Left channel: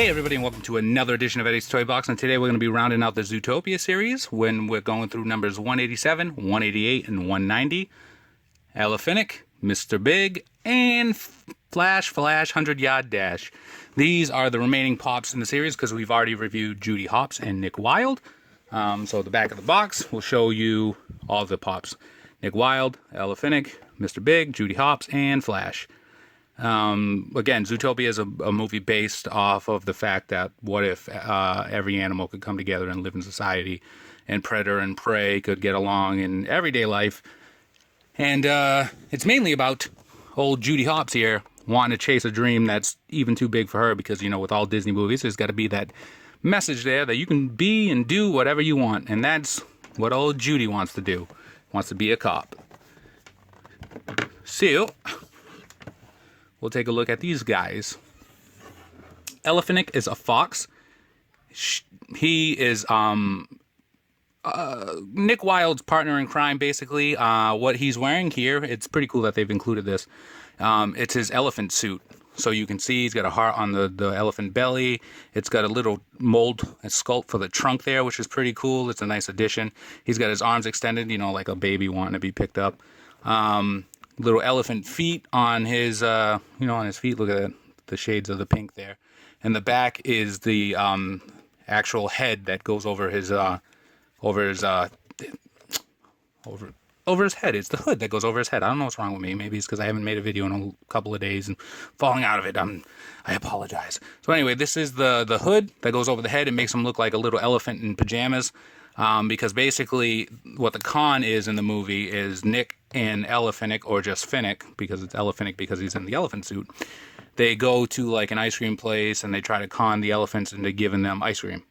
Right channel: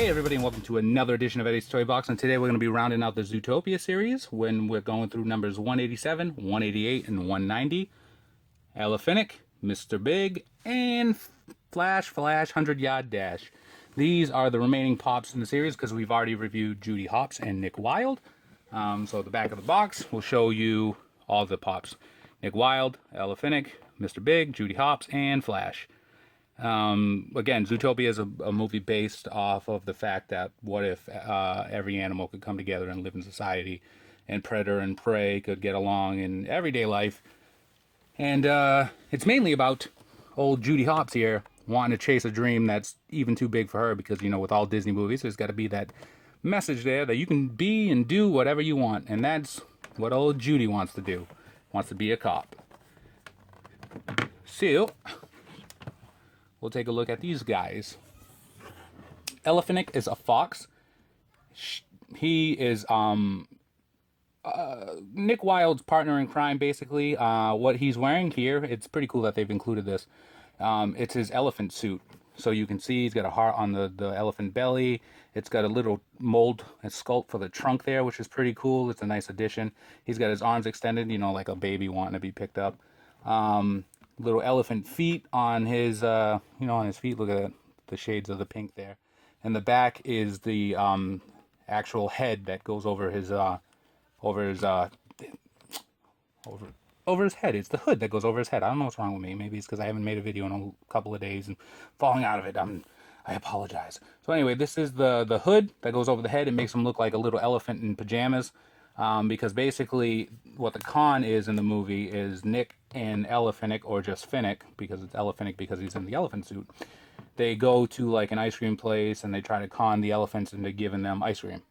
Hey everybody, and welcome to another edition of Eddie's Toy Box, and today we're going to be rounding out the Zootopia series when we're going through numbers 187, 188, and 190. Ele-Finnick, Mr. Big, and Flash 100-Yard Dash. These are the remaining pops in the series because we've already reviewed Judy Hopps and Nick Wilde. So the back of the box will show you all the pops. Nick Wilde, Ele-Finnick, Mr. Big, Judy Hopps, and Flash. Again, Zootopia is a movie based off of the fact that what if every animal could come together and live in society, and predator and prey could get along in everyday life. And it's mainly about old Judy Hopps here wanting to chase a dream that's even too big for her because, you know, with all Disney movies, there's got to be that message there that you can be and do whatever you want. And that's what old Judy wants to do. Wants to be a cop. So we'll take a look at these guys. Ele-Finnick is a fox. He is Nick Wilde's partner in crime, basically. What he's wearing here, it's pretty cool that they've included this. It's his elephant suit. So you can see he's got a heart on the elephant belly. It's got a little mold and sculpt for the trunk there, which is pretty cool. It's a nice addition. He's got his arms extended, you know, like a baby wanting to be picked up. Little elephant feet on his, on his feet. Look at the shades of the pink there. And the back is the actual head that goes over his head. It's the hood that goes over his head. I don't know what's wrong with me. Maybe it's because I haven't made a video in a couple of days and falling out of it. I apologize. So anyway, this is the hood that goes over the head. It makes him look like a little elephant in pajamas. Because basically what the con is in the movie is Nick and Ele-Finnick, or just Finnick, because it's Ele-Finnick because he's in the elephant suit. They go to like an ice cream place and they try to con the elephants into giving them ice cream.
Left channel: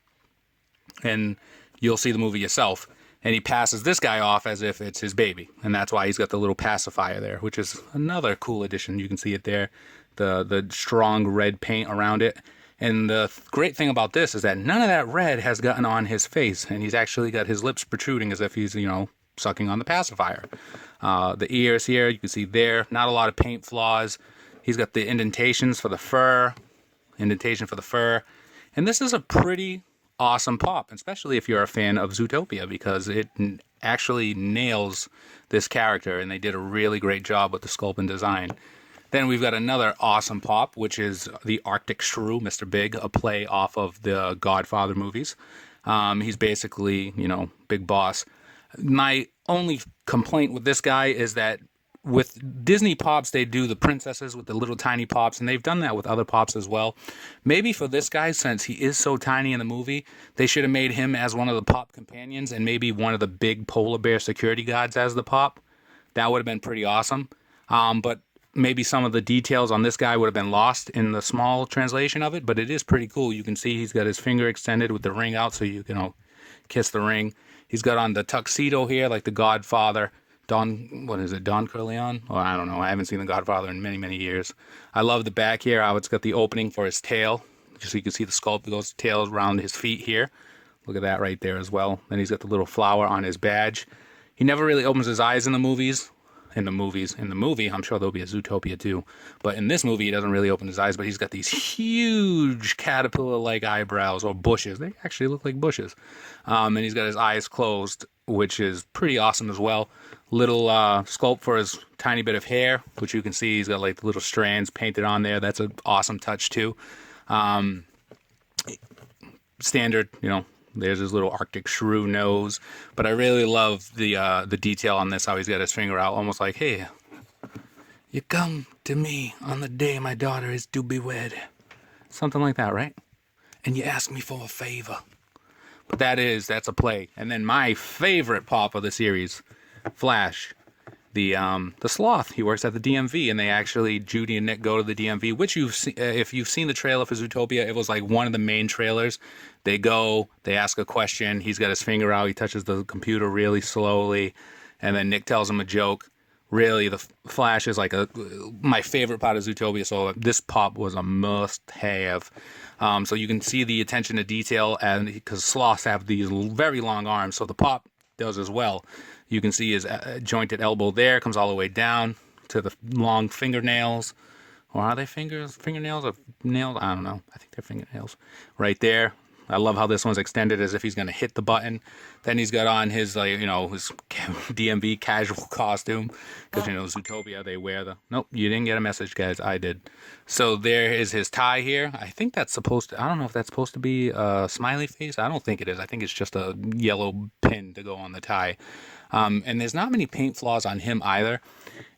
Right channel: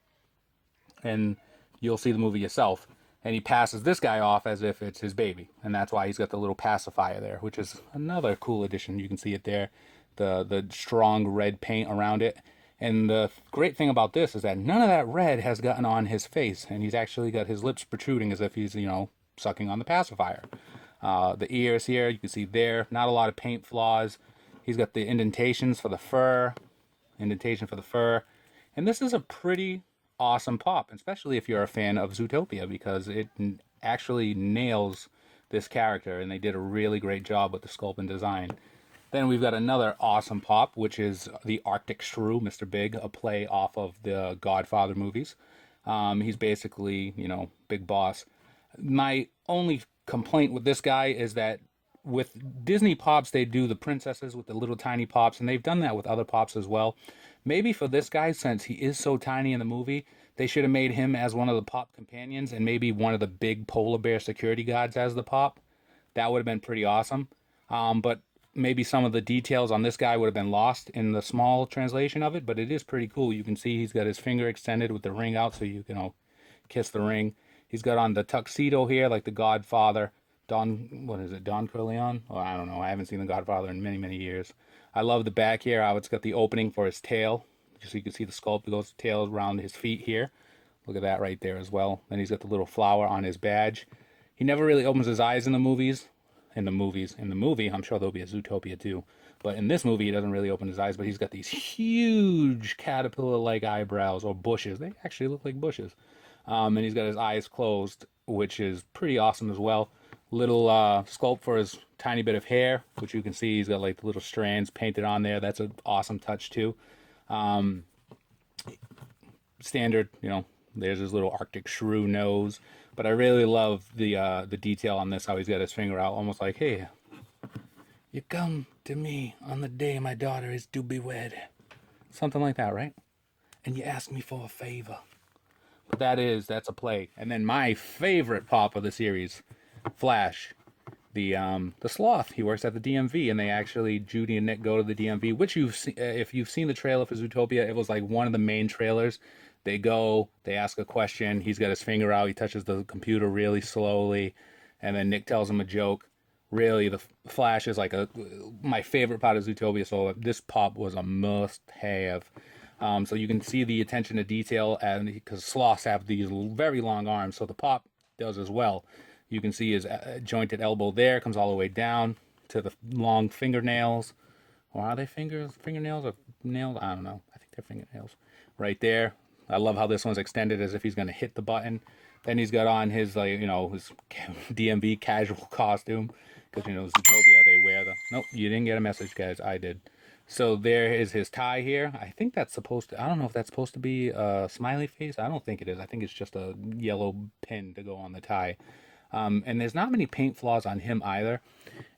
And you'll see the movie yourself. And he passes this guy off as if it's his baby. And that's why he's got the little pacifier there, which is another cool addition. You can see it there, the strong red paint around it. And the great thing about this is that none of that red has gotten on his face. And he's actually got his lips protruding as if he's, sucking on the pacifier. The ears here, you can see there, not a lot of paint flaws. He's got the indentations for the fur. And this is a pretty awesome pop, especially if you're a fan of Zootopia, because it actually nails this character. And they did a really great job with the sculpt and design. Then we've got another awesome pop, which is the Arctic Shrew, Mr. Big, a play off of the Godfather movies. He's basically, big boss. My only complaint with this guy is that with Disney pops, they do the princesses with the little tiny pops, and they've done that with other pops as well. Maybe for this guy, since he is so tiny in the movie, they should have made him as one of the pop companions and maybe one of the big polar bear security guards as the pop. That would have been pretty awesome. But maybe some of the details on this guy would have been lost in the small translation of it, but it is pretty cool. You can see he's got his finger extended with the ring out so you can kiss the ring. He's got on the tuxedo here like the Godfather. Don Corleone? Oh, I don't know. I haven't seen the Godfather in many, many years. I love the back here, how it's got the opening for his tail. Just so you can see the sculpt that goes tail around his feet here. Look at that right there as well. Then he's got the little flower on his badge. He never really opens his eyes in the movies. In the movie, I'm sure there'll be a Zootopia too. But in this movie, he doesn't really open his eyes, but he's got these huge caterpillar-like eyebrows, or bushes. They actually look like bushes. And he's got his eyes closed, which is pretty awesome as well. Little sculpt for his tiny bit of hair, which you can see he's got like little strands painted on there. That's an awesome touch too. Standard, there's his little Arctic Shrew nose. But I really love the detail on this, how he's got his finger out, almost like, hey, you come to me on the day my daughter is to be wed. Something like that, right? And you ask me for a favor. But that's a play. And then my favorite pop of the series, Flash, the sloth. He works at the DMV, and Judy and Nick go to the DMV, which if you've seen the trailer for Zootopia, it was like one of the main trailers. They go, they ask a question, he's got his finger out, he touches the computer really slowly, and then Nick tells him a joke. Really, the Flash is like my favorite part of Zootopia, so this pop was a must-have. So you can see the attention to detail, and because sloths have these very long arms, so the pop does as well. You can see his jointed elbow there, comes all the way down to the long fingernails. Or are they fingernails or nails? I don't know. I think they're fingernails. Right there. I love how this one's extended as if he's going to hit the button. Then he's got on his, like, you know, his DMV casual costume. Because, you know, Zootopia, they wear the... Nope, you didn't get a message, guys. I did. So there is his tie here. I think that's supposed to... I don't know if that's supposed to be a smiley face. I don't think it is. I think it's just a yellow pin to go on the tie. And there's not many paint flaws on him either.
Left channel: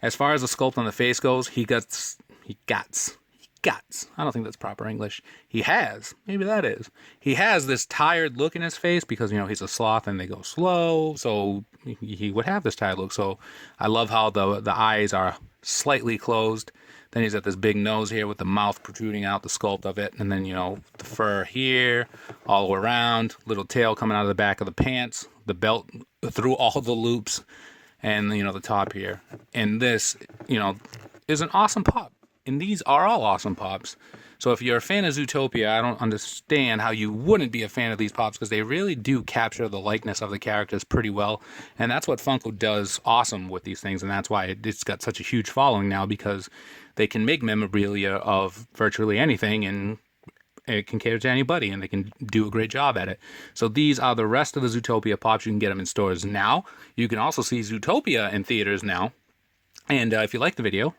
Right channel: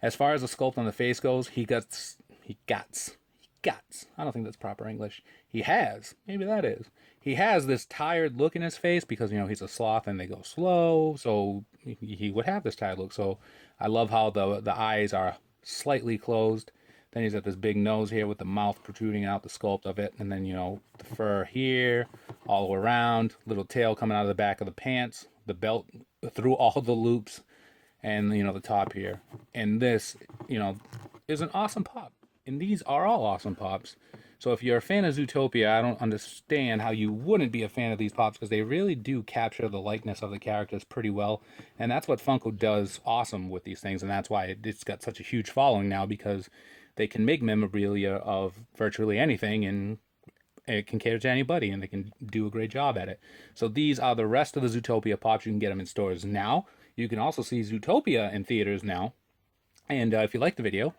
As far as the sculpt on the face goes, he guts. I don't think that's proper English. He has this tired look in his face because, you know, he's a sloth and they go slow. So he would have this tired look. So I love how the eyes are slightly closed. Then he's got this big nose here with the mouth protruding out, the sculpt of it. And then, you know, the fur here, all around, little tail coming out of the back of the pants, the belt through all the loops, and, you know, the top here. And this, you know, is an awesome pop. And these are all awesome pops. So if you're a fan of Zootopia, I don't understand how you wouldn't be a fan of these pops, because they really do capture the likeness of the characters pretty well. And that's what Funko does awesome with these things. And that's why it's got such a huge following now, because they can make memorabilia of virtually anything, and it can cater to anybody, and they can do a great job at it. So these are the rest of the Zootopia pops. You can get them in stores now. You can also see Zootopia in theaters now. And if you like the video,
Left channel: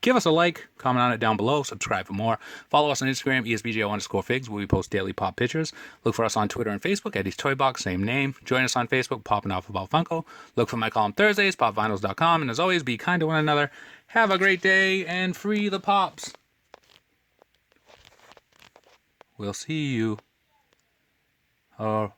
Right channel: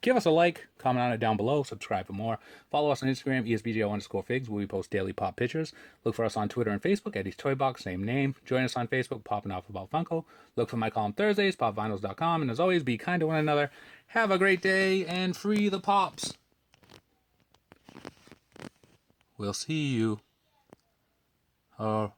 give us a like, comment on it down below, subscribe for more. Follow us on Instagram, ESBJO_figs, where we post daily pop pictures. Look for us on Twitter and Facebook, EddiesToyBox, same name. Join us on Facebook, Popping Off About Funko. Look for my column Thursdays, popvinyls.com. And as always, be kind to one another. Have a great day, and free the pops. We'll see you around.